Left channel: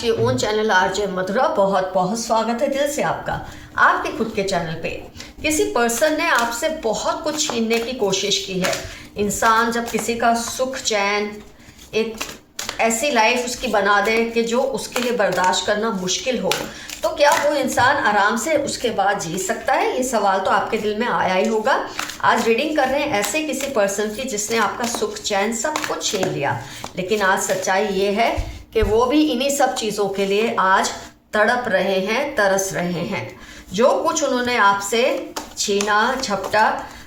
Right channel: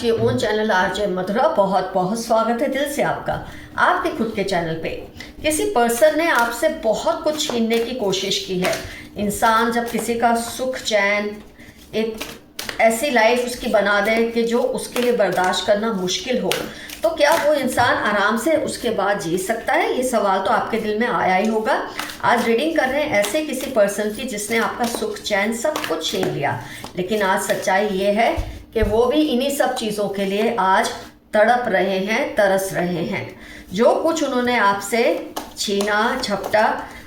To your own channel RJ Madhura. बहुत बहुत स्वागत है दिल से आपका आपके खुद के चैनल पे। किसी पर्सन ने आपसे बहुत कुछ छीनने की कोशिश की है। इंसान जब किसी का सुख चैन, एक ऐसी लाइफ उसकी बना दे कि जो उसके लिए बर्दाश्त करना मुश्किल हो, तो क्या वो इंसान आराम से उसके बाद जी सकता है? ये सवाल तो आपके दिल में आया ही होगा। आज रीडिंग कर रहे हैं ऐसे किसी पर्सन की जिसने आपका सुख चैन सब कुछ छीन लिया, लेकिन आज सच्चाई ये है कि वो भी इन्हीं सब चीज़ों के लिए आज तड़प रहे हैं, तरस रहे हैं। जो कुछ उन्होंने आपसे छीना झपटा,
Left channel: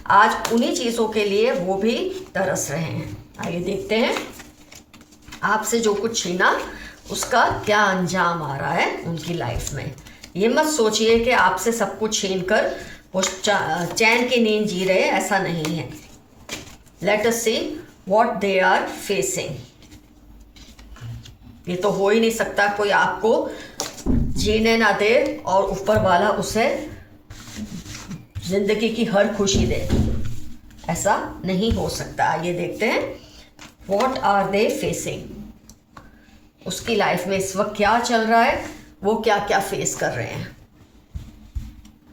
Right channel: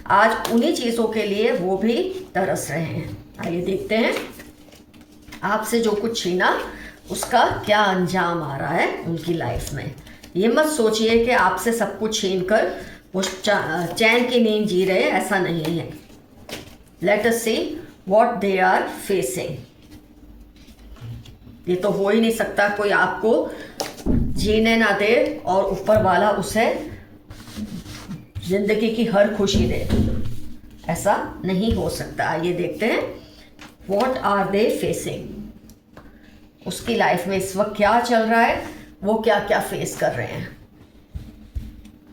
आज उन्हीं चीज़ों के लिए वो भी तरस रहे हैं। आइए देखते हैं आपसे जो कुछ छीना उसका क्या अंजाम आ रहा है उनकी लाइफ में। ये मत सोचिए कि आपसे सब कुछ छीन कर वो चैन की नींद जी रहे हैं, ऐसा नहीं है। Let us see what they are facing. ये तो हो ही नहीं सकता कोई आपको जीने ना दे और ऊपर वाला उसे जिंदगी की हर खुशी दे, ऐसा नहीं हो सकता। ये देखते हैं व्हाट आर दे फेसिंग। उसकी लाइफ में इस वक्त क्या चल रहा है, वो क्या क्या फेस कर रहे हैं।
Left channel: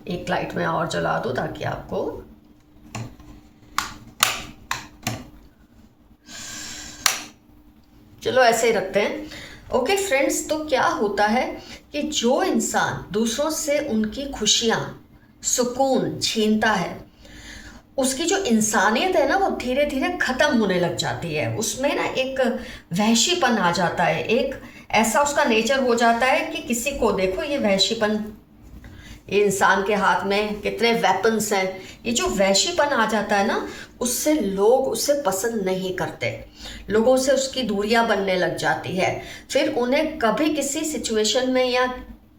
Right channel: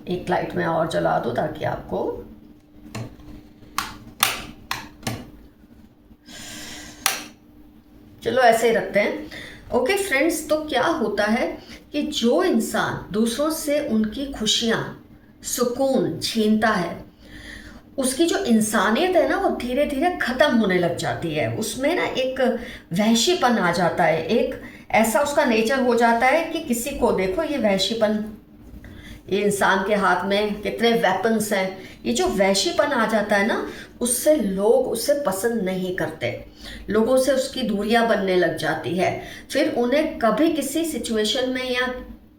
एक लाइट में और जला दो ताकि आपको चलो ऐसे ही रखते हैं। ओके फ्रेंड्स, तो क्या होता है कि जो इंसान दूसरों से उनकी खुशियां, सुकून छीनता है, उसकी जो इंसानियत है ना वो धीरे धीरे खत्म होने लग जाती है। उसमें ना एक वहशीपन आ जाता है, एक ऐसा उसका नेचर हो जाता है कि किसी को देखो ये वहशीपन, ये इंसान के हाथ में कितने वेपन्स हैं, ये जो वहशीपन आ जाता है ना, उससे लोग उसे पसंद नहीं करते, लोगों से उसकी दूरियां बनने लग जाती है। फिर उन्हें कभी किसी सिचुएशन में या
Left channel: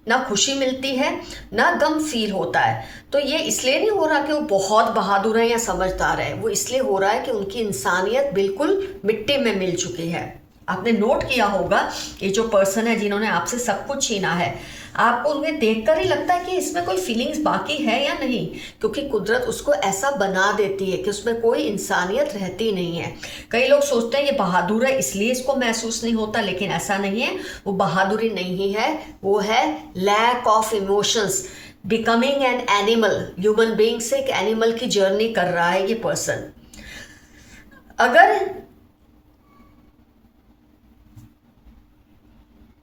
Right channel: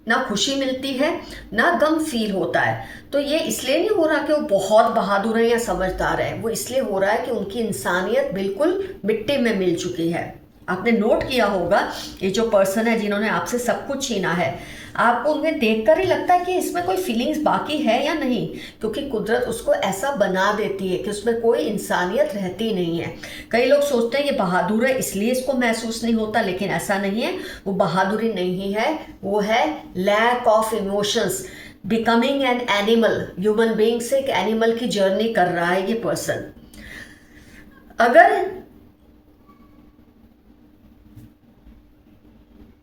ना खुशी मिलती है ना गम फील होता है। तो ये इसलिए नहीं हो रहा कि वो बहुत बहादुर है या समझदार है, वो इसलिए हो रहा है कि उनकी इंसानियत बिल्कुल मिट्टी में मिल चुकी है। आपने नोट किया होगा ये जो पर्सन है जिन्होंने आपसे सब कुछ छीना है, आपको उन्हें देखकर ही लगता है कि इसमें कोई फीलिंग्स बाकी है या नहीं, क्योंकि कुदरत उसको ऐसा बना देती है कि उसमें कोई इंसानियत रहती नहीं है। कई लोग सोचते हैं ये बहादुर है इसलिए इसको महसूस नहीं होता, लेकिन ऐसा नहीं है। वो बहादुरी नहीं है, वो है lack of emotions, becoming an animal. Human being से एक एनिमल की जर्नी कर रहा है ये पर्सन।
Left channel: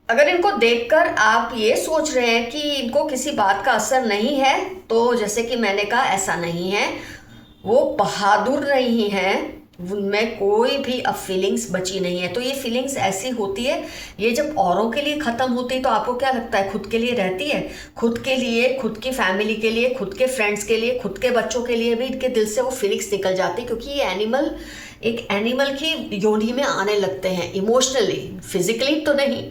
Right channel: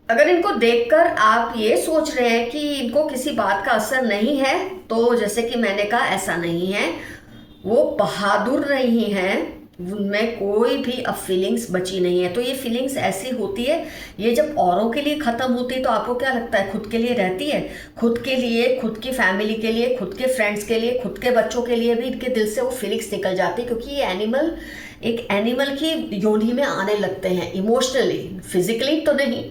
अगर इनको देखकर आप ये सोच रहे हैं कि इनको किसी बात का असर नहीं है, तो जैसे कि मैंने कहा ऐसा नहीं है। वो बहादुर नहीं है, उनमें कोई भी अब फीलिंग्स बची नहीं है। तो ये फीलिंग्स ऐसी होती है, ये जब औरों के लिए ख़त्म होती है तो आपको क्या लगता है खुद के लिए रहती है? खुद के लिए, खुद की फैमिली के लिए, खुद के फ्रेंड्स के लिए, खुद के बच्चों के लिए भी इनके दिल से वो फीलिंग्स निकल जाती है, क्योंकि ये एनिमल एक एनिमल की योनि में आने लगते हैं। इमोशनली, फिजिकली तो नहीं,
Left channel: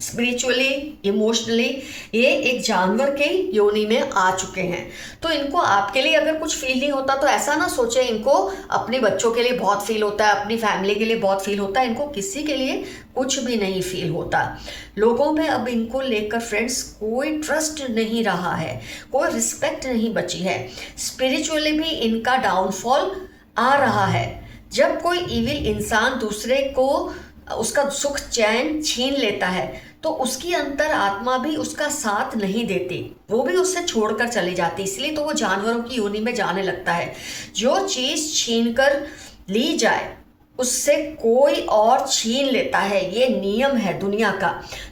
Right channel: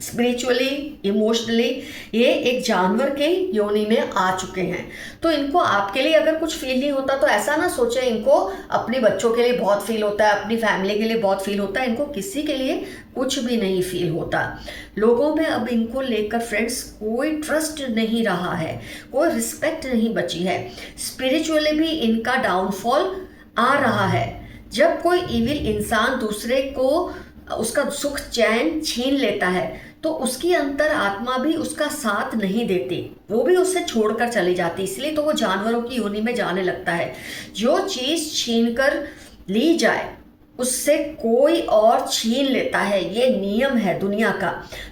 स्पिरिचुअली, इमोशनली ये एक जानवर के योनि में आ चुके हैं। तो इनको आपके लिए अगर कुछ फील नहीं होता तो ऐसा ना सोचे, इनको अपने बच्चों के लिए बहुत फील होता है, अपनी फैमिली के लिए बहुत फील होता है, इनको किसी के लिए कुछ भी नहीं फील होता। लोगों में अब इनको लेकर फ्रेंड्स कोई ट्रस्ट नहीं रहा है, कोई रिस्पेक्ट नहीं बची है। स्पिरिचुअली भी इनका डाउनफॉल आ रहा है। जब कोई इविल इंसान दूसरे को उसका सुख चैन छीन लेता है तो उसकी अंतर आत्मा भी उसका साथ नहीं देती, वो भी उससे छोड़कर चली जाती। इसलिए तो वो जानवरों की योनि में जाने लगता है। जो चीज़ छीन कर ली जाए उससे कोई और छीन लेता है, ये नियम है दुनिया का।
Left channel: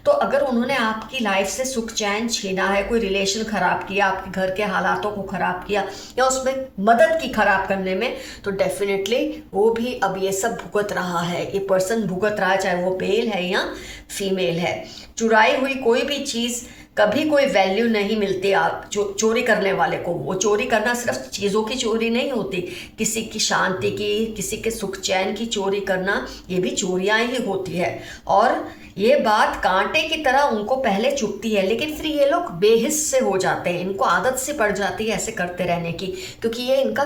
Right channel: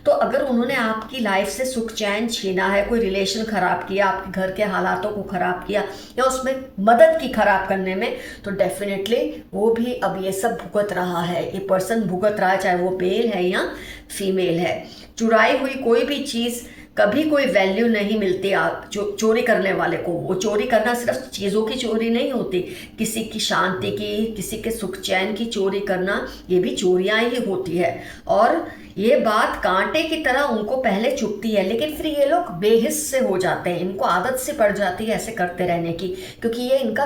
तो अगर उन्होंने आपकी लाइफ से सुख चैन छीना है, कोई रिलेशन खराब किया, आपके घर के हालातों को खराब किया या उसमें मदद की खराब करने में, तो डेफिनेटली वो भी अब ये सब भुगत रहा है। ये पर्सन भुगत रहा है, चाहे वो मेल है या फीमेल है। चुराई हुई कोई भी चीज़ कभी कोई वैल्यू नहीं मिलती आप चोरी करने वाले को। वो चोरी करना सिर्फ चीज़ों की चोरी नहीं होती, किसी की शांति की, किसी के सुख चैन की चोरी करना, ये भी चोरियां ही होती है। और ये बात कांटे की तरह उनको पहले चुभती है, लेकिन फिर ये लोग बेहिस से हो जाते हैं, इनको आदत से पड़ जाती है ऐसे करते रहने की, क्योंकि ये इनका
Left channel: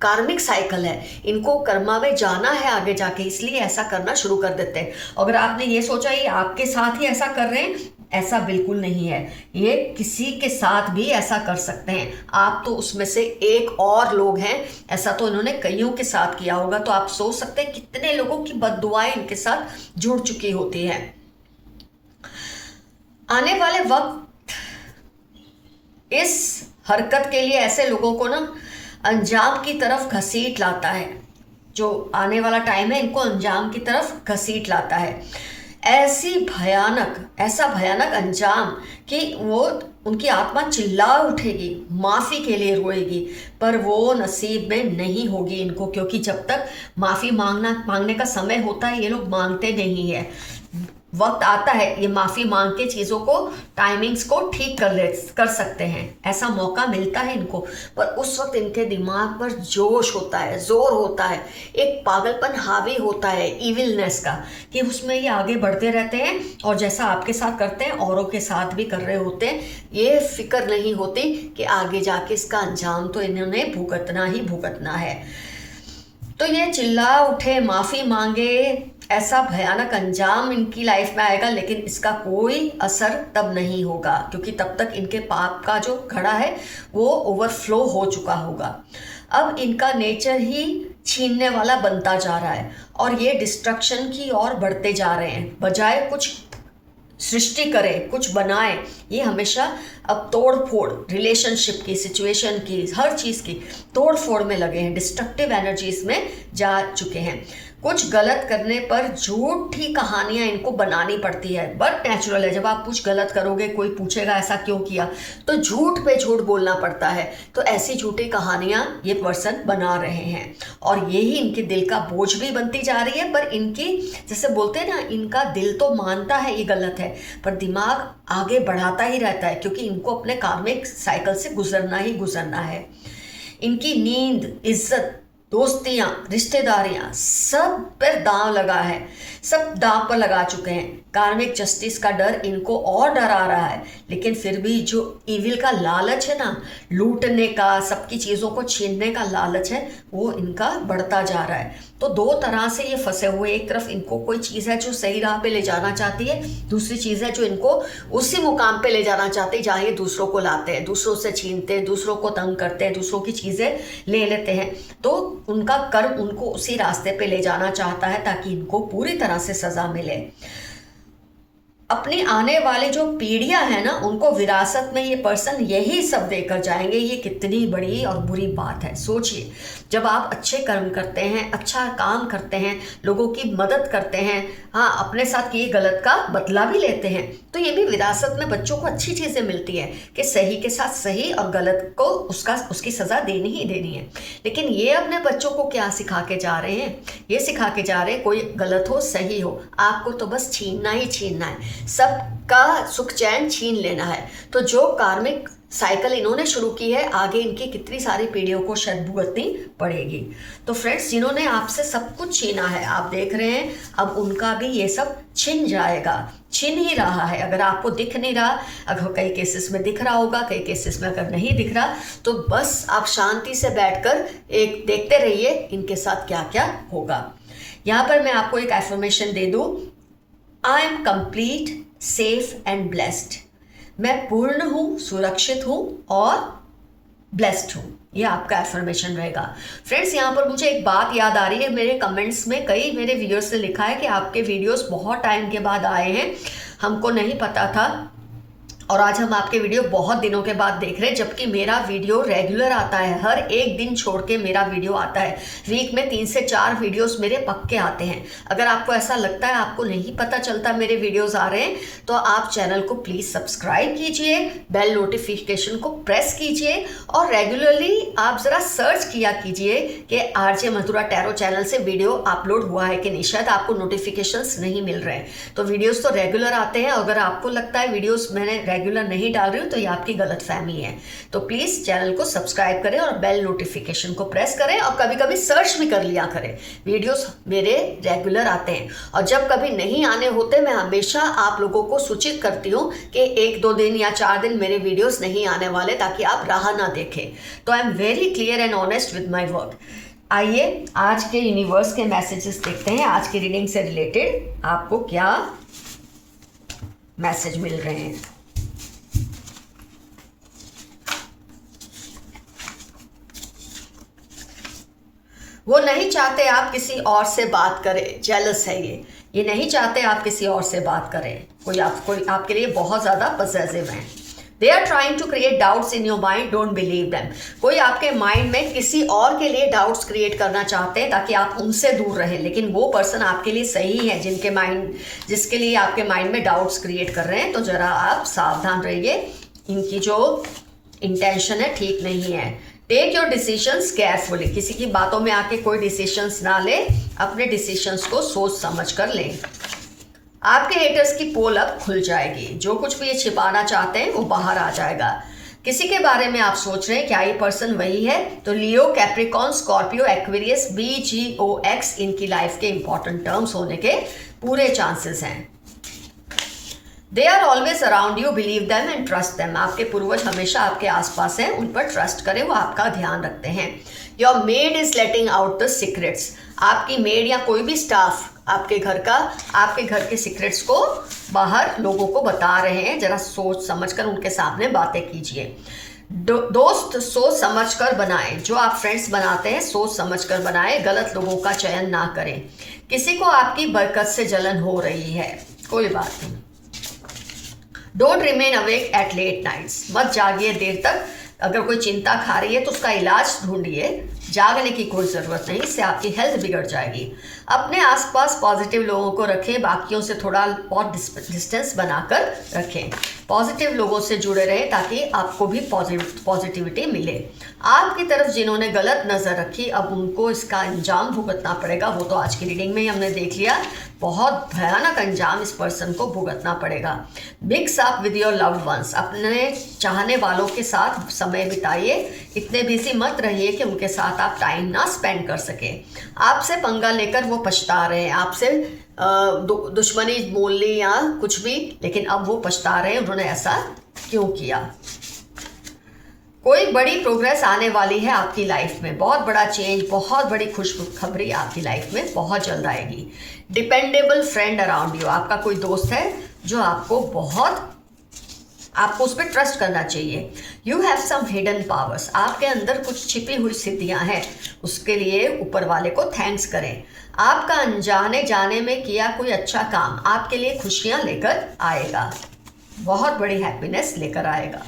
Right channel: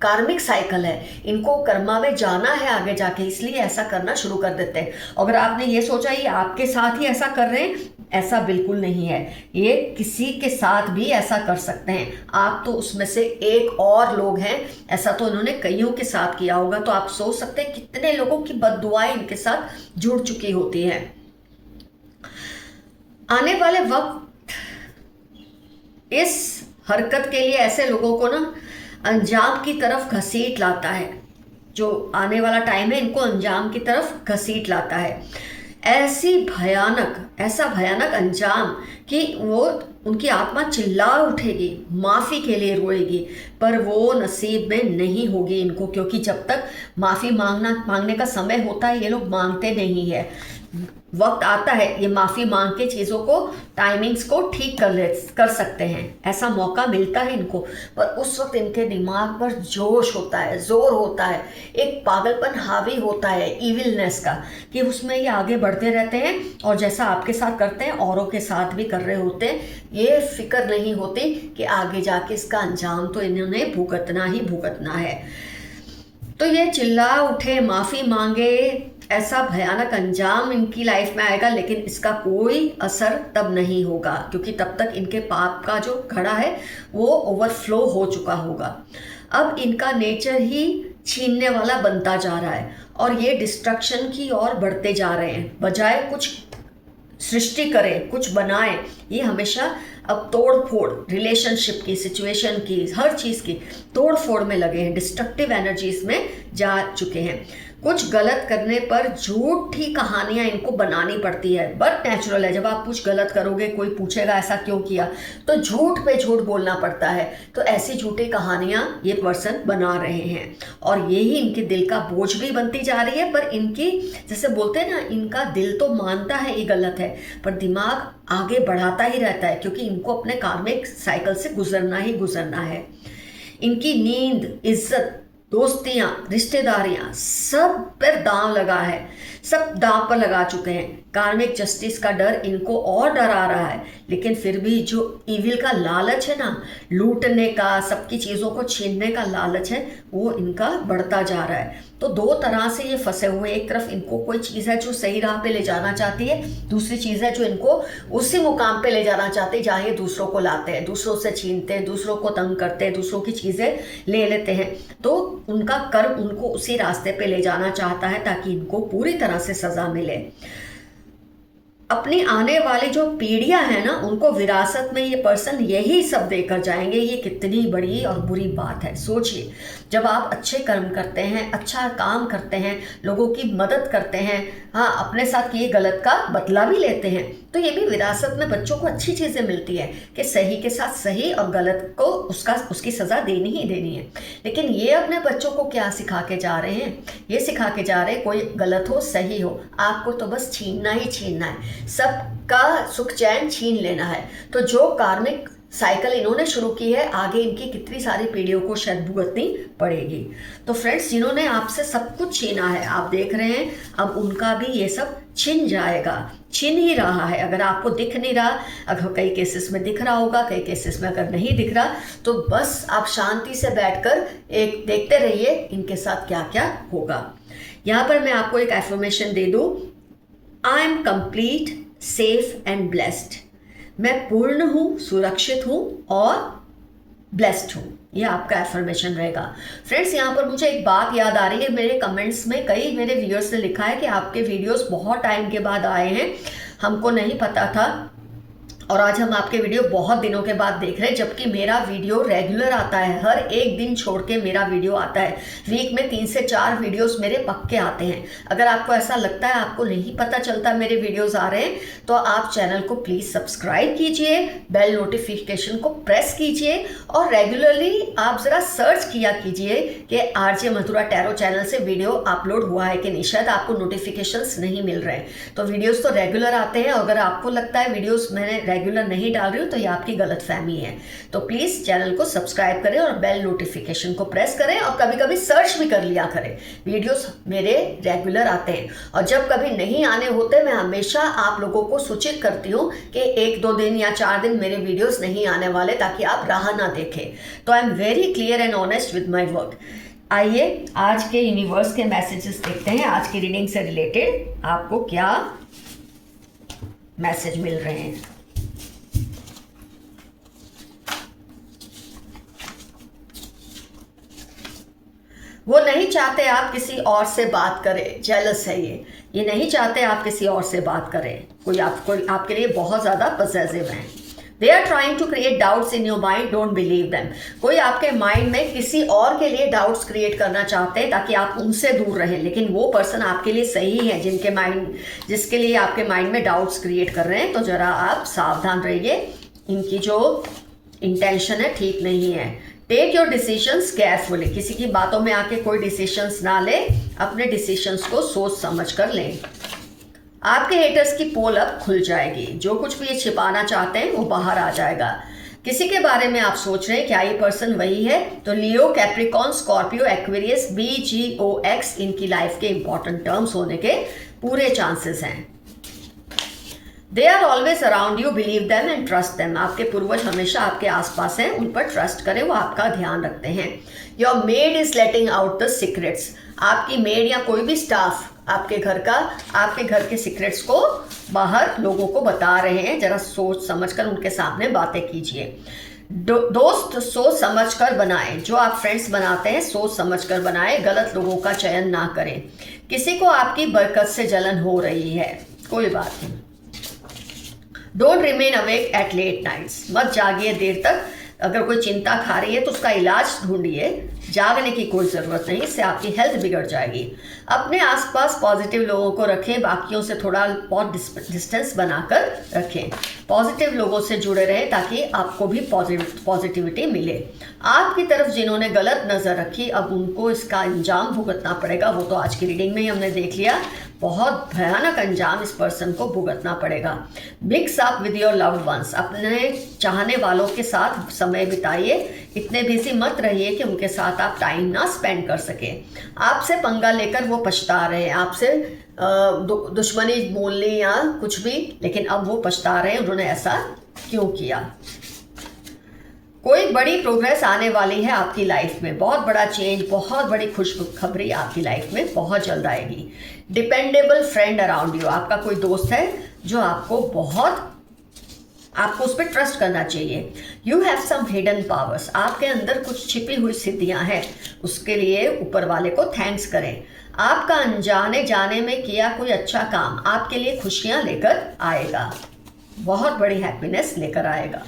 कार्मिक साइकिल है। इनको कर्मा में जाना है आगे जाके, इसलिए ऐसा करना शुरू कर देते हैं। अगर आपने ये सोचा ये आपके साथ ही ऐसा कर रहे हैं, ऐसा बिल्कुल नहीं है। ये किसी के साथ भी ऐसा कर सकते हैं। आप तो उसमें से एक और लोग हैं, ऐसा तो इन्होंने कईयों के साथ किया होगा। तो आप सोच सकते हैं कितने लोगों की बद्दुआएं इनके साथ जुड़ चुकी होती हैं। आने वाले वक्त इस हरकत के लिए ऐसे लोगों को ना अंजाम की तरफ घसीट लाता है। जो आने वाला टाइम है इनको अंजाम की तरफ घसीट लाता है। ऐसा भयानक अंजाम कि वो उनकी आत्मा चिल्ला उठेगी, माफ़ी के लिए रोएगी, पर वो नसीब में नहीं होगी इनको, क्योंकि जब तक माफ़ी मांगने का समय होता है ये लोग मांगते नहीं है। वक्त आता है ये माफ़ी मांग के चीज़ों को, टाइमिंग्स को ठीक कर सकते हैं, ऐसा मौका मिलता है इनको। पर उस वक्त इनके दिमाग पर जोश होता है, जोर होता है, एक पागलपन हावी होता है इविलनेस का, कि उसमें ये आगे बढ़ते रहते हैं और जैसा आपके साथ करते हैं औरों के साथ भी कर रहे होते हैं। ये फिक्र नहीं होती कि आगे जाके इसका अंजाम तो इन्होंने भुगतना ही भुगतना है। तो ये चिल्ला उठे, माफ़ी मांगे, ऐसा भयानक अंजाम इनकी लाइफ में आएगा, लेकिन इसका कोई असर तब नहीं होगा, क्योंकि तब तक इनके पाप का जो घड़ा है वो ओवरफ्लो हो चुका होगा। अब इनका नेचर ही छीनने वाला बनता जा रहा है और ये डिस्ट्रक्शन की ओर बढ़ते जा रहे हैं। बजाय कुछ सृष्टि करें, कुछ बनाएं, ये हमेशा अब तोड़ फोड़, रिलेशनशिप की, सिचुएशन की, हर चीज़ की तोड़ फोड़ में लगे हैं, डिस्ट्रक्टिव एनर्जीज में जा चुके हैं। कुछ गलत करने पर झूठी कहानियां इनको बनानी पड़ती है। बट नेचुरल है, जब आप कुछ गलत करोगे कोई पूछेगा ऐसा क्यों किया, तो झूठ पे झूठ बोलना पड़ता है। तो ऐसी झूठी कहानियां ये पर्सन बना रहे हैं और यही इनके दिल का बोझ भी बनती जा रही है। पर इनकी, जैसे बोलते हैं ना, इनका दिल तो मानता है ये गलत है, पर दिमाग आगे बढ़ाता ही रहता है, क्योंकि इनको अपने कार्मिक साइकिल से गुजरना ही गुजरना है। इनकी नींद, इज्जत, दोस्तियां, रिश्तेदारियां, सब पर दांव लगा है, सब दांव पर लगा चुके हैं। कार्मिक जस्टिस का डर इनको और डरा रहा है, लेकिन फिर भी जो इविल का लालच है ना, लूटने का, सबकी चीज़ों को छीनने का लालच है, वो इनका बढ़ता जा रहा है। तो दो तरह से ये फंसे हुए, एक तरफ इनको कोई चीज़ है जो सही राह पे ले जाना चाहती है, दूसरी चीज़ है जो इनको उसी मुकाम पे ले जाना चाहती है जहाँ ये दूसरों को लाते हैं, दूसरों से छीनते हैं, दूसरों को तंग करते हैं, दूसरों की चीज़ें ले लेते हैं। तो उनका कर्म उनको उसी रास्ते पे ले जाना चाहता है ताकि इनको पूरी तरह से सज़ा मिले। अपनी आने वाली जो पीढ़ियां हैं ना, उनको विरासत में ये पर्सन यही सब देकर जाएंगे। ये कितनी बड़ी और बुरी बात है। सोचिए, जब आप अच्छे कर्म करते हैं, अच्छा काम करते हैं, लोगों की मदद करते हैं, हाँ, अपने साथ किए गलत का बदला भी लेते हैं, तो ये भी विरासत में बच्चों को अच्छी चीज़ें मिलती है कि सही के साथ सही और गलत को उसकी सज़ा देनी ही देनी है। लेकिन ये अपने बच्चों को क्या सिखा के जा रहे हैं? ये सिखा के जा रहे हैं कोई गलत हो सही हो, आपको तो बस छीनना ही छीनना है, सबका सुख चैन छीन लेना है। तो जो कार्मिक साइकिल इन्होंने शुरू की है, आगे इनकी कितनी सारी पीढ़ियों को शायद भुगतनी पड़ेगी। तो फ्रेंड्स, जिन्होंने आपसे सब कुछ छीना है, आप देख रहे हैं, अब उनका भी ये सब छिन जाएगा, छिन ही रहा है। अगर आपको दिख नहीं रहा, अगर कई केसेस में दिख रहा होगा, कई केसेस में अगर नहीं दिख रहा, तो बस आप शांति से बैठकर एक देखते रहिए इनके साथ क्या क्या होगा। यहाँ पर मैं आपको एक एफर्मेशन दे दूँ, I am complete, safe and blessed. मैं पूर्ण हूँ, सुरक्षित हूँ और ब्लेस्ड हूँ। ये आपका एफर्मेशन रहेगा। फ्रेंड्स, यहाँ पर मुझे एक बात याद आ रही है, मेरे कमेंट्स में कई मेरे व्यूअर्स ने लिखा है कि आपके वीडियोस बहुत टाइम के बाद आए हैं, हमको नहीं पता था, और आज हम आपके वीडियो बहुत दिनों के बाद देख रहे हैं, जबकि मेरा वीडियो रेगुलर आता है, हर एक दिन छोड़ के मेरा वीडियो आता है। वीक में 3 से 4 वीडियोस मेरे पक्के आते हैं। अगर आपको ऐसा लगता है आपको नहीं पता चलता मेरे वीडियोस आ रहे हैं, तो आप चैनल को प्लीज़ सब्सक्राइब कीजिए, बेल नोटिफिकेशन को प्रेस कीजिए और रेगुलरली आप ज़रा सर्च किया कीजिए कि आरजे मथुरा टैरो चैनल से वीडियो अपलोड हुआ है कि नहीं। शायद आपको नोटिफिकेशंस नहीं मिल रहे हैं, तो वीडियोज़ तो रेगुलर आते हैं। अगर आपको लगता है वीडियोज़ मैंने रेगुलर नहीं डाल रही हूँ, तो ये आपकी गलतफहमी है। तो प्लीज़ चैनल को सब्सक्राइब करें और बेल नोटिफिकेशन को प्रेस करें, और कभी कभी सर्च भी कर लिया करें। वीडियोस मेरे रेगुलर आते हैं, और जब कभी नहीं आने होते, मैं हमेशा आप लोगों को सूचित करती हूँ कि 1-2 दिन या 4 दिन मेरे वीडियोस नहीं आने वाले, ताकि आप राह ना देखें। तो I am very clear and honest with my work. आइए आज के यूनिवर्स के मैसेजेस देखते हैं। आज की रीडिंग से रिलेटेड आपको क्या मैसेज मिल रहे हैं। वो नहीं चाहते आप किसी और से बात करें, जेलस है ये। ये नहीं चाहते आप किसी और से बात करें। कोई आपके लिए बहुत ज़्यादा पॉसेसिव हैं। They are trying to create doubts in your mind, don't believe them. कोई आपके माइंड में किसी और के लिए डाउट्स क्रिएट करना चाहते हैं ताकि आप उनसे दूर रहें, लेकिन वो पर्सन आपके लिए सही है जिसके लिए आपके माइंड में डाउट्स क्रिएट कर रहे हैं। तो ज़रा आप सावधान रहिए, इनकी जो इंटेंशन है ठीक नहीं है। Take your decisions carefully. किसी की बातों में आके कोई डिसीजंस ना ले, अपने डिसीजंस को सोच समझ कर लें। आपके हेटर्स की पोल अब खुल जाएगी। जो कुछ भी ये छिपाना चाहते हैं वो बाहर आ जाएगा। किसी के बारे में आप सोच रहे हैं क्या ये पर्सन वही है? तो Leo, Capricorn, Scorpio, Aquarius, BGOX इनकी लाइफ के इंपॉर्टेंट टर्म्स होने के पूरे चांसेस हैं। They are always around you, believe them and trust them. आपके पूर्वज हमेशा आपके आसपास हैं, उन पर ट्रस्ट करें, वो आपका ध्यान रखते हैं। Your made is letting out the secrets. आपकी मेड या कोई भी स्टाफ आपके घर के सीक्रेट्स को बाहर लोगों को बता रहे हैं। जरा सोच समझकर उनके सामने बातें कीजिए। दोस्त सोच समझकर बनाएं। जो आप फ्रेंड्स बनाते हैं सोच समझकर बनाएं, गलत लोगों का चयन ना करें। किसी को आपकी बरकत से जलन हो रही है, कोई बात नहीं। Don't remain awake at late nights. मत जागिए देर तक। अगर कोई चिंता खा रही है तो उसका इलाज ढूंढिए, जागने की कोई ज़रूरत नहीं, इससे आपकी हेल्थ बिगड़ जाएगी। अपने आसपास पॉजिटिव लोगों को रखें, बाकियों से थोड़ा बहुत डिस्टेंस बनाकर रखें। पॉजिटिव लोगों से जुड़े रहें ताकि आपको भी पॉजिटिविटी मिले। आपकी तरफ जिन्होंने गलत नज़र रखी, अब उनको इसका अंजाम भुगतना पड़ेगा। वो तो आज की रीडिंग में ही हमने देख लिया, बहुत भयानक अंजाम इस पर्सन को भुगतना पड़ेगा। Mix up with your loved ones. अपने चाहने वालों के साथ समय बिताइए। इतने बिजी मत रहिए कि उनके साथ आप टाइम ना स्पेंड कर सकें। आपसे पंगा लेकर वो पछता रहे हैं, आपसे दुश्मनी बोल ली या कुछ भी, लेकिन अब वो पछता रहे हैं उन्होंने ऐसा क्यों किया। कोई बड़ी प्रोग्रेस आने वाली है आपकी लाइफ में, बहुत बड़ा चेंज, बहुत बड़ी खुशखबरी आपकी लाइफ में बहुत जल्द आएगी। Dependable friend around you. आपका कोई दोस्त है जो आपको उस पर ट्रस्ट करना चाहिए। You have some hidden powers. आपके अंदर कुछ छिपी हुई सिद्धियां हैं, उसके लिए ऊपर वाले को थैंक्स करें। आपका अनजाने जाने में किया कोई अच्छा काम आपके लिए खुशियां लेकर आएगा, बहुत बड़ी हैप्पीनेस लेकर आएगा।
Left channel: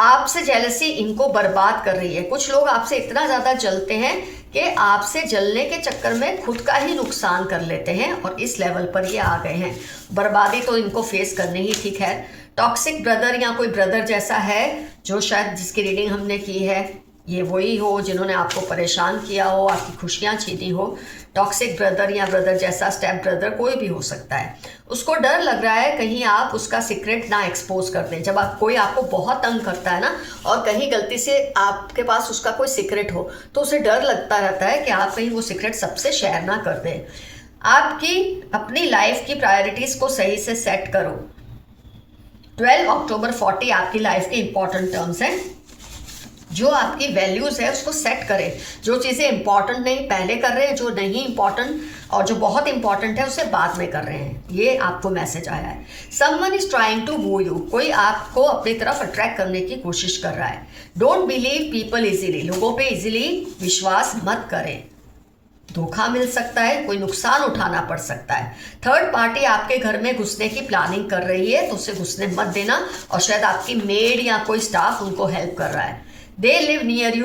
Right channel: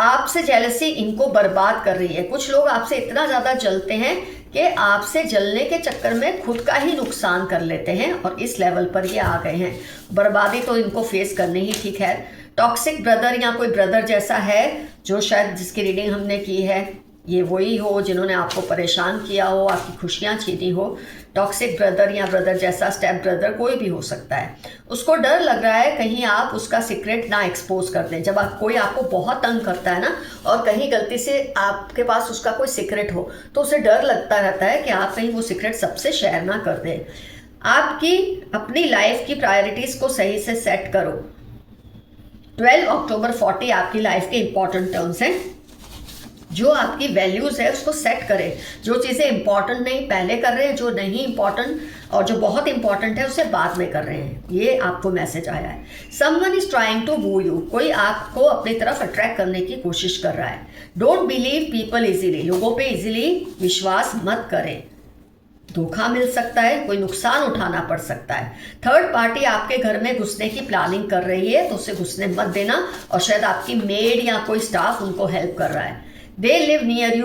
आपसे जेलसी इनको बर्बाद कर रही है। कुछ लोग आपसे इतना ज़्यादा जलते हैं कि आपसे जलने के चक्कर में खुद का ही नुकसान कर लेते हैं और इस लेवल पर ये आ गए हैं। बर्बादी तो इनको फेस करनी ही ठीक है। टॉक्सिक ब्रदर या कोई ब्रदर जैसा है जो शायद जिसकी रीडिंग हमने की है, ये वही हो जिन्होंने आपको परेशान किया हो, आपकी खुशियाँ छीनी हो। टॉक्सिक ब्रदर या ब्रदर जैसा स्टेप ब्रदर कोई भी हो सकता है। उसको डर लग रहा है कहीं आप उसका सीक्रेट ना एक्सपोज कर दें। जब कोई आपको बहुत तंग करता है ना, और कहीं गलती से आपके पास उसका कोई सीक्रेट हो, तो उसे डर लगता रहता है कि आप कहीं वो सीक्रेट सबसे शेयर ना कर दें। आपकी अपनी लाइफ की प्रायोरिटीज़ को सही से सेट करो। 12 अक्टूबर 40 आपकी लाइफ के इंपॉर्टेंट टर्म्स हैं। जो आपकी वैल्यूज़ है उसको सेट करें। जो चीज़ें इंपॉर्टेंट नहीं पहले कर रहे हैं, जो नहीं इंपॉर्टेंट और जो बहुत इंपॉर्टेंट है उसे बाद में कर रहे हैं। ये आपको मैसेज आया है। Someone is trying to woo you. कोई आपको अपनी तरफ अट्रैक्ट करने की कोशिश कर रहा है। Don't believe people easily. लोगों पे इजीली विश्वास मत करें, धोखा मिल सकता है, कोई नुकसान उठाना पड़ सकता है। थर्ड पार्टी आपके घर में घुसने की प्लानिंग कर रही है तो उसे घुसने मत देना। और शायद आपकी मेड या कोई स्टाफ उनको हेल्प कर रहा है। They live near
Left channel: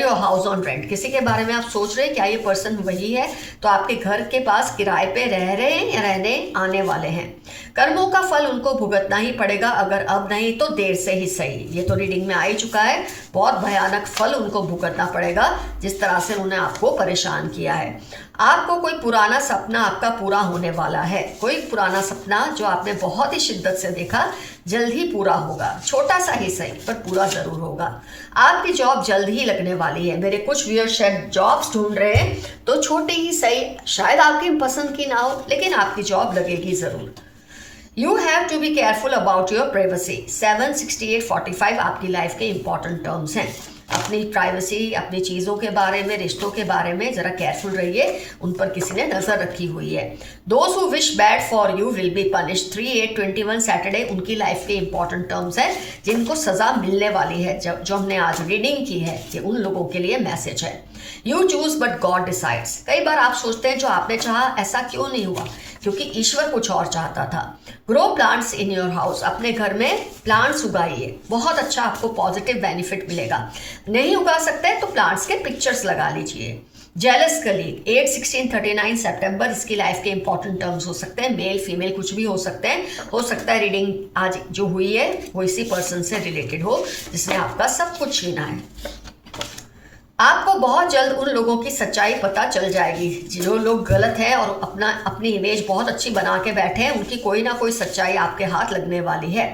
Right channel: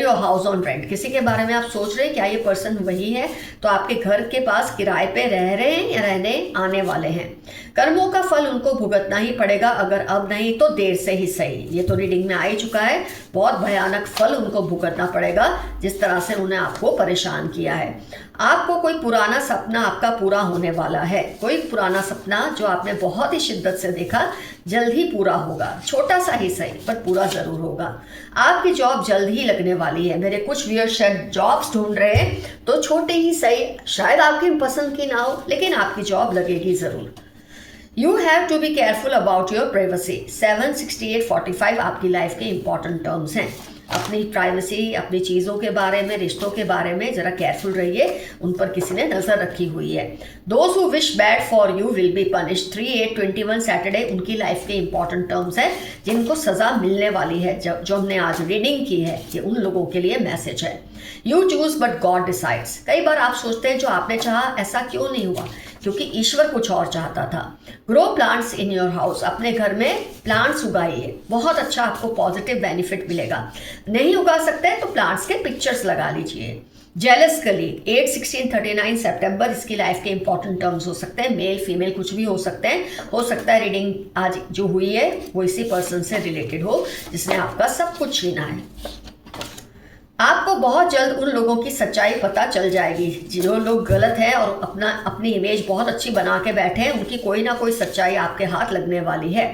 your house on rent. किसी के बारे में आप सोच रहे हैं क्या ये पर्सन वही है, तो आपके घर के पास किराए पे रह रहे हैं या रहने आने वाले हैं। कर्मों का फल उनको भुगतना ही पड़ेगा, अगर अब नहीं तो देर से ही सही। ये तो रीडिंग में आ ही चुका है। बहुत भयानक फल उनको भुगतना पड़ेगा जिस तरह से उन्होंने आपको परेशान किया है। आपको कोई पुराना सपना आपका पूरा होने वाला है। कोई पुराना सपना जो आपने बहुत ही शिद्दत से देखा जल्द ही पूरा होगा, छोटा सा ही सही पर पूरा जरूर होगा। आपकी जॉब जल्द ही लगने वाली है। मेरे कुछ व्यूअर शायद जॉब्स ढूंढ रहे हैं तो छोटे ही सही, शायद आपकी पसंद की ना हो, लेकिन आपकी जॉब लगेगी जरूर। You have to be careful about your privacy. 7, 68, 45 आपकी लाइफ के इंपॉर्टेंट टर्म्स हैं। अपनी प्राइवेसी, अपनी चीज़ों के बारे में, रिश्तों के बारे में ज़रा केयरफुल रहिए, उन पर किसी ने नज़र रखी हुई है। Those who wish bad for you will be punished. 3, 8, 21 Saturday उनकी लाइफ के इंपॉर्टेंट टर्म्स हैं जिनको सज़ा मिलने वाली है। जो हमने आज रीडिंग की है, ये उन लोगों के लिए मैसेज है। You choose but God decides. कई बार आप सोचते हैं जो आपने चाहा ऐसा क्यों नहीं हुआ, क्योंकि ईश्वर कुछ और चाहता था। Grow plants in your house, अपने घर में प्लांट्स उगाइए, बहुत अच्छा आपको पॉजिटिव बेनिफिट मिलेगा। नहीं उगा सकते तो प्लांट्स के पिक्चर्स लगा लीजिए। जेलस कलीग 8, 16, 39 सितंबर इसकी लाइफ के इंपॉर्टेंट टर्म्स हो सकते हैं, मेल फीमेल कुछ भी हो सकते हैं। हो सकता है रीडिंग आज जो हुई है वो इसी पर्सन से रिलेटेड हो जिसने आपका सब कुछ छीना है। आपको बहुत जल्द उन लोगों की सच्चाई पता चल जाएगी जो लोग गलत हैं और अपनी इमेज बहुत अच्छी बना के बैठे हैं, उनकी कोई ना कोई सच्चाई आपके हाथ लगने वाली है।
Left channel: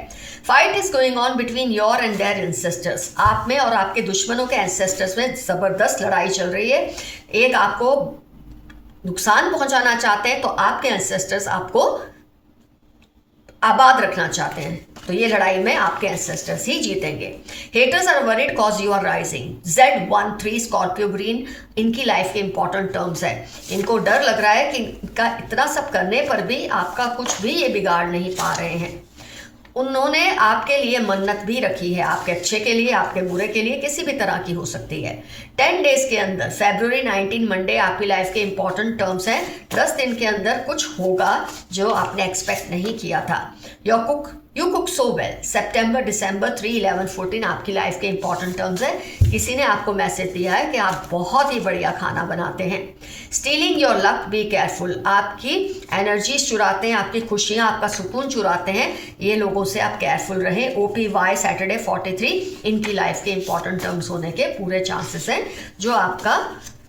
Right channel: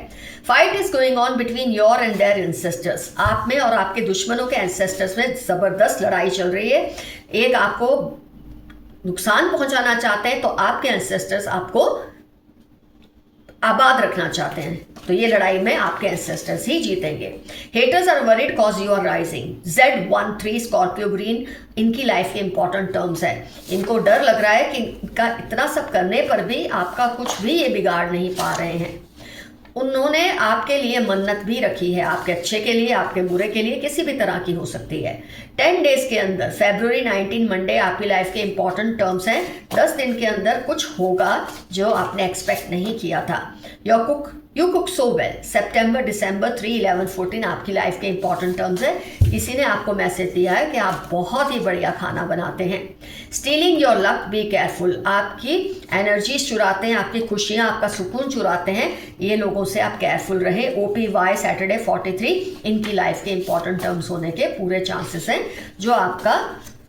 Fight is going on between your and their ancestors, आप में और आपके दुश्मनों के एंसेस्टर्स में जबरदस्त लड़ाई चल रही है। एक आपको नुकसान पहुंचाना चाहते हैं तो आपके एंसेस्टर्स आपको आबाद रखना चाहते हैं, तो ये लड़ाई में आपके एंसेस्टर्स ही जीतेंगे। Haters are worried cause you are rising. Z13 Scorpio green इनकी लाइफ के इंपॉर्टेंट टर्म्स है। इनको डर लग रहा है कि इनका इतना सब करने पर भी आपका कुछ भी ये बिगाड़ नहीं पा रहे हैं। उन्होंने आपके लिए मन्नत भी रखी है, आपके अच्छे के लिए, आपके बुरे के लिए, किसी भी तरह की हो सकती है। 10 डेज के अंदर फरवरी 19 मंडे आपकी लाइफ के इंपॉर्टेंट टर्म्स हैं। 10 दिन के अंदर कुछ होगा जो आपने एक्सपेक्ट नहीं किया था। यू कुक सो वेल सितंबर दिसंबर 3, 11, 14 आपकी लाइफ के इंपॉर्टेंट टर्म्स है। किसी ने आपको मैसेज दिया है कि आप बहुत ही बढ़िया खाना बनाते हैं। Stealing your luck, be careful, आपकी एनर्जी चुराते हैं, आपकी खुशियां, आपका सुकून चुराते हैं, ये लोगों से आप केयरफुल रहे। OPY सैटरडे 43 इनकी लाइफ के इंपॉर्टेंट टर्म्स होने के पूरे चांसेस हैं जो आपका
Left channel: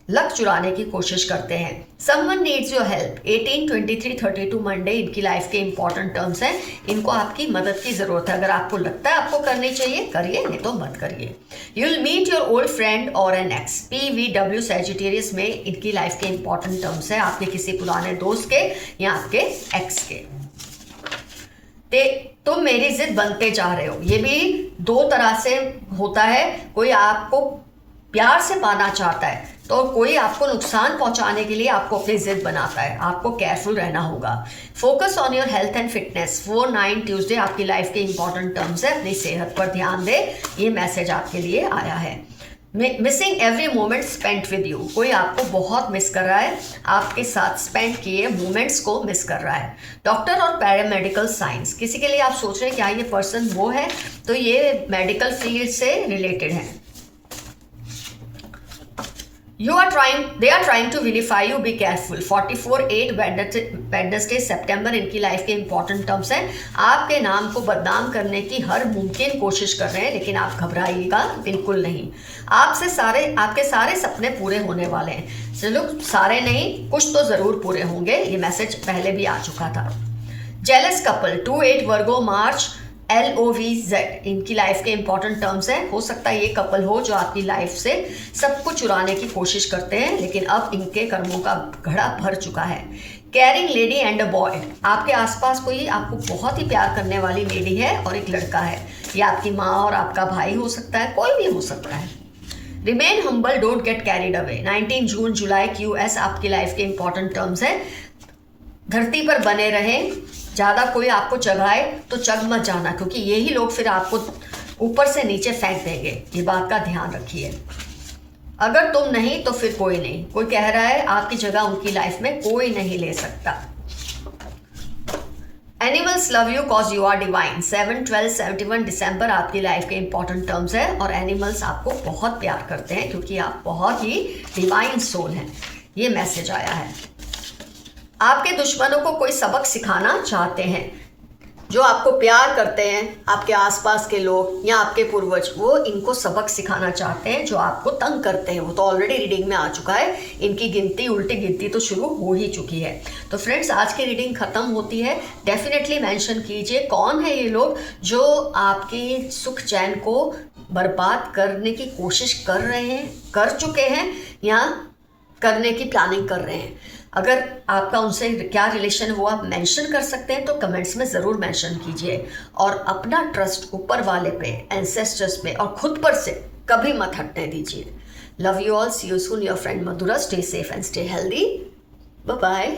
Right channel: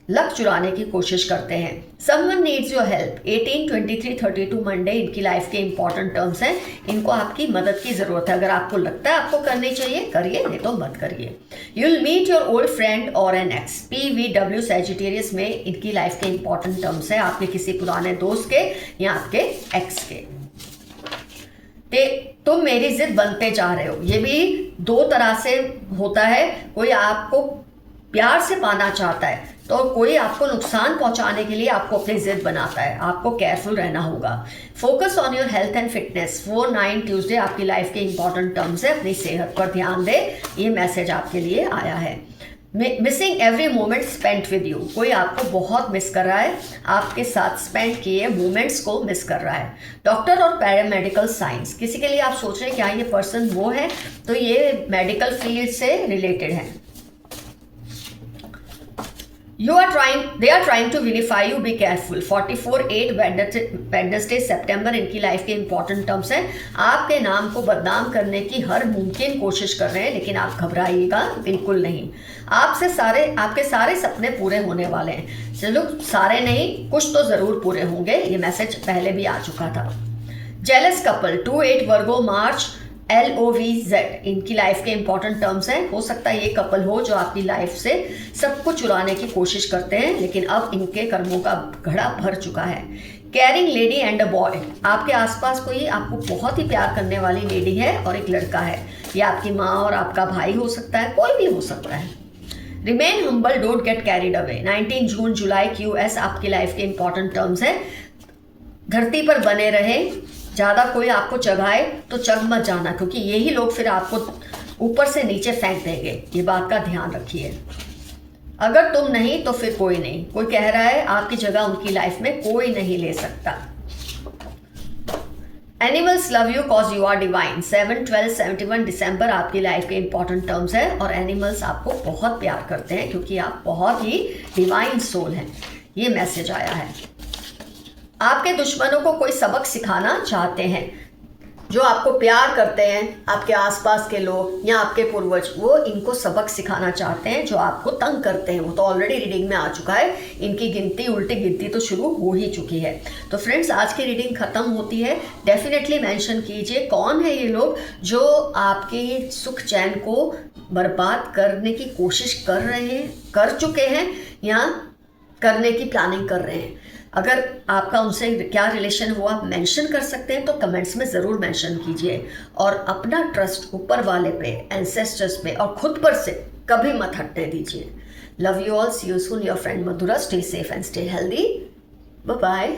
लक चुराने की कोशिश करते हैं। Someone needs your help 18, 23, 32 Monday इनकी लाइफ के इंपॉर्टेंट टर्म्स हैं। इनको आपकी मदद की जरूरत है, अगर आपको लगता है आपको करनी चाहिए करिए, नहीं तो मत करिए। You will meet your old friend और एन एक्स। PVW सैजिटेरियस में इनकी लाइफ के इंपॉर्टेंट टर्म्स हैं, आपके किसी पुराने दोस्त के या आपके एक्स के। तुम मेरी जिद बनते जा रहे हो, ये भी दो तरह से होता है। कोई आपको प्यार से पाना चाहता है तो कोई आपको नुकसान पहुंचाने के लिए आपको अपनी जिद बनाता है, आपको केयरफुल रहना होगा। Focus on your health and fitness 4-9 Tuesday आपकी लाइफ के इंपॉर्टेंट टर्म्स है, अपनी सेहत पर ध्यान दे, ये मैसेज आपके लिए आया है। Missing every moment spent with you, कोई आपको बहुत मिस कर रहा है, आपके साथ स्पेंड किए मोमेंट्स को मिस कर रहा है। डॉक्टर और पैरामेडिकल साइंस, किसी के लिए आप सोच रहे हैं क्या ये पर्सन वो है, तो ये मेडिकल फील्ड से रिलेटेड है। they are trying to vilify you, be careful 44-8 Wednesday सितंबर इनकी लाइफ के इंपॉर्टेंट टर्म्स हैं। आपके नाम को बदनाम करने की हर मुमकिन कोशिश कर रहे हैं, लेकिन आप घबराइएगा बिल्कुल नहीं। आपके सारे सपने पूरे होने वाले हैं। चलो सारे नहीं, कुछ तो जरूर पूरे होंगे, ये मैसेज पहले भी आ चुका था। जेलस कपल 2-8 वर्गो मार्च LOVZ इनकी लाइफ के इंपॉर्टेंट टर्म्स हैं। हो सकता है ये कपल हो जो आपकी लाइफ से सब कुछ चुराने की कोशिश करते हैं, लेकिन अब इनके कर्मों का घड़ा भर चुका है। Carrying lady and a boy, आपके आसपास कोई आपको बहुत ही प्यार करने वाली लेडी है और एक लड़का है, ये आपकी माँ और आपका भाई हो सकता है, कोई भी हो सकता है। Remain humble, don't get carried away 19 June July QS आपकी लाइफ के इंपॉर्टेंट टर्म्स हैं। धरती पर बने रहें, ज़्यादा कोई आपको चढ़ाए तो चढ़ मत जाना, क्योंकि यही लोग फिर आपको ऊपर से नीचे फेंक देंगे, ये बात का ध्यान रखिए। अगर तुम नहीं तो फिर कोई नहीं, कोई कह रहा है आपकी जगह उनकी लाइफ में कोई नहीं ले सकता। Animals love you cause you are divine 7, 12, 71 दिसंबर आपकी लाइफ के इंपॉर्टेंट टर्म्स है, और एनिमल्स आपको बहुत प्यार करते हैं क्योंकि आप बहुत ही डिवाइन सोल हैं, ये मैसेज आया है। आपके दुश्मनों को कोई सबक सिखाना चाहते हैं, जो आपको प्यार करते हैं, आपके आसपास के लोग या आपके पूर्वज, वो इनको सबक सिखाना चाहते हैं। जो आपको तंग करते हैं वो तो ऑलरेडी रीडिंग में आ चुका है, इनकी गिनती उल्टी गिनती तो शुरू हो ही चुकी है। तो फ्रेंड्स आज की रीडिंग खत्म होती है, डेफिनेटली मेंशन कीजिए कौन है ये लोग जो आपके सुख चैन को बर्बाद करने की कोशिश कर रहे हैं, कर चुके हैं या करने की प्लानिंग कर रहे हैं। अगर आपका उनसे क्या रिलेशन हुआ मेंशन कर सकते हैं तो कमेंट्स में ज़रूर मेंशन कीजिए, और अपना ट्रस्ट ऊपर वाले पे, एंसेस्टर्स पे और खुद पर से कभी मत हटने दीजिए। Love you all, see you soon, your friend Madhura, stay safe and stay healthy, bye bye.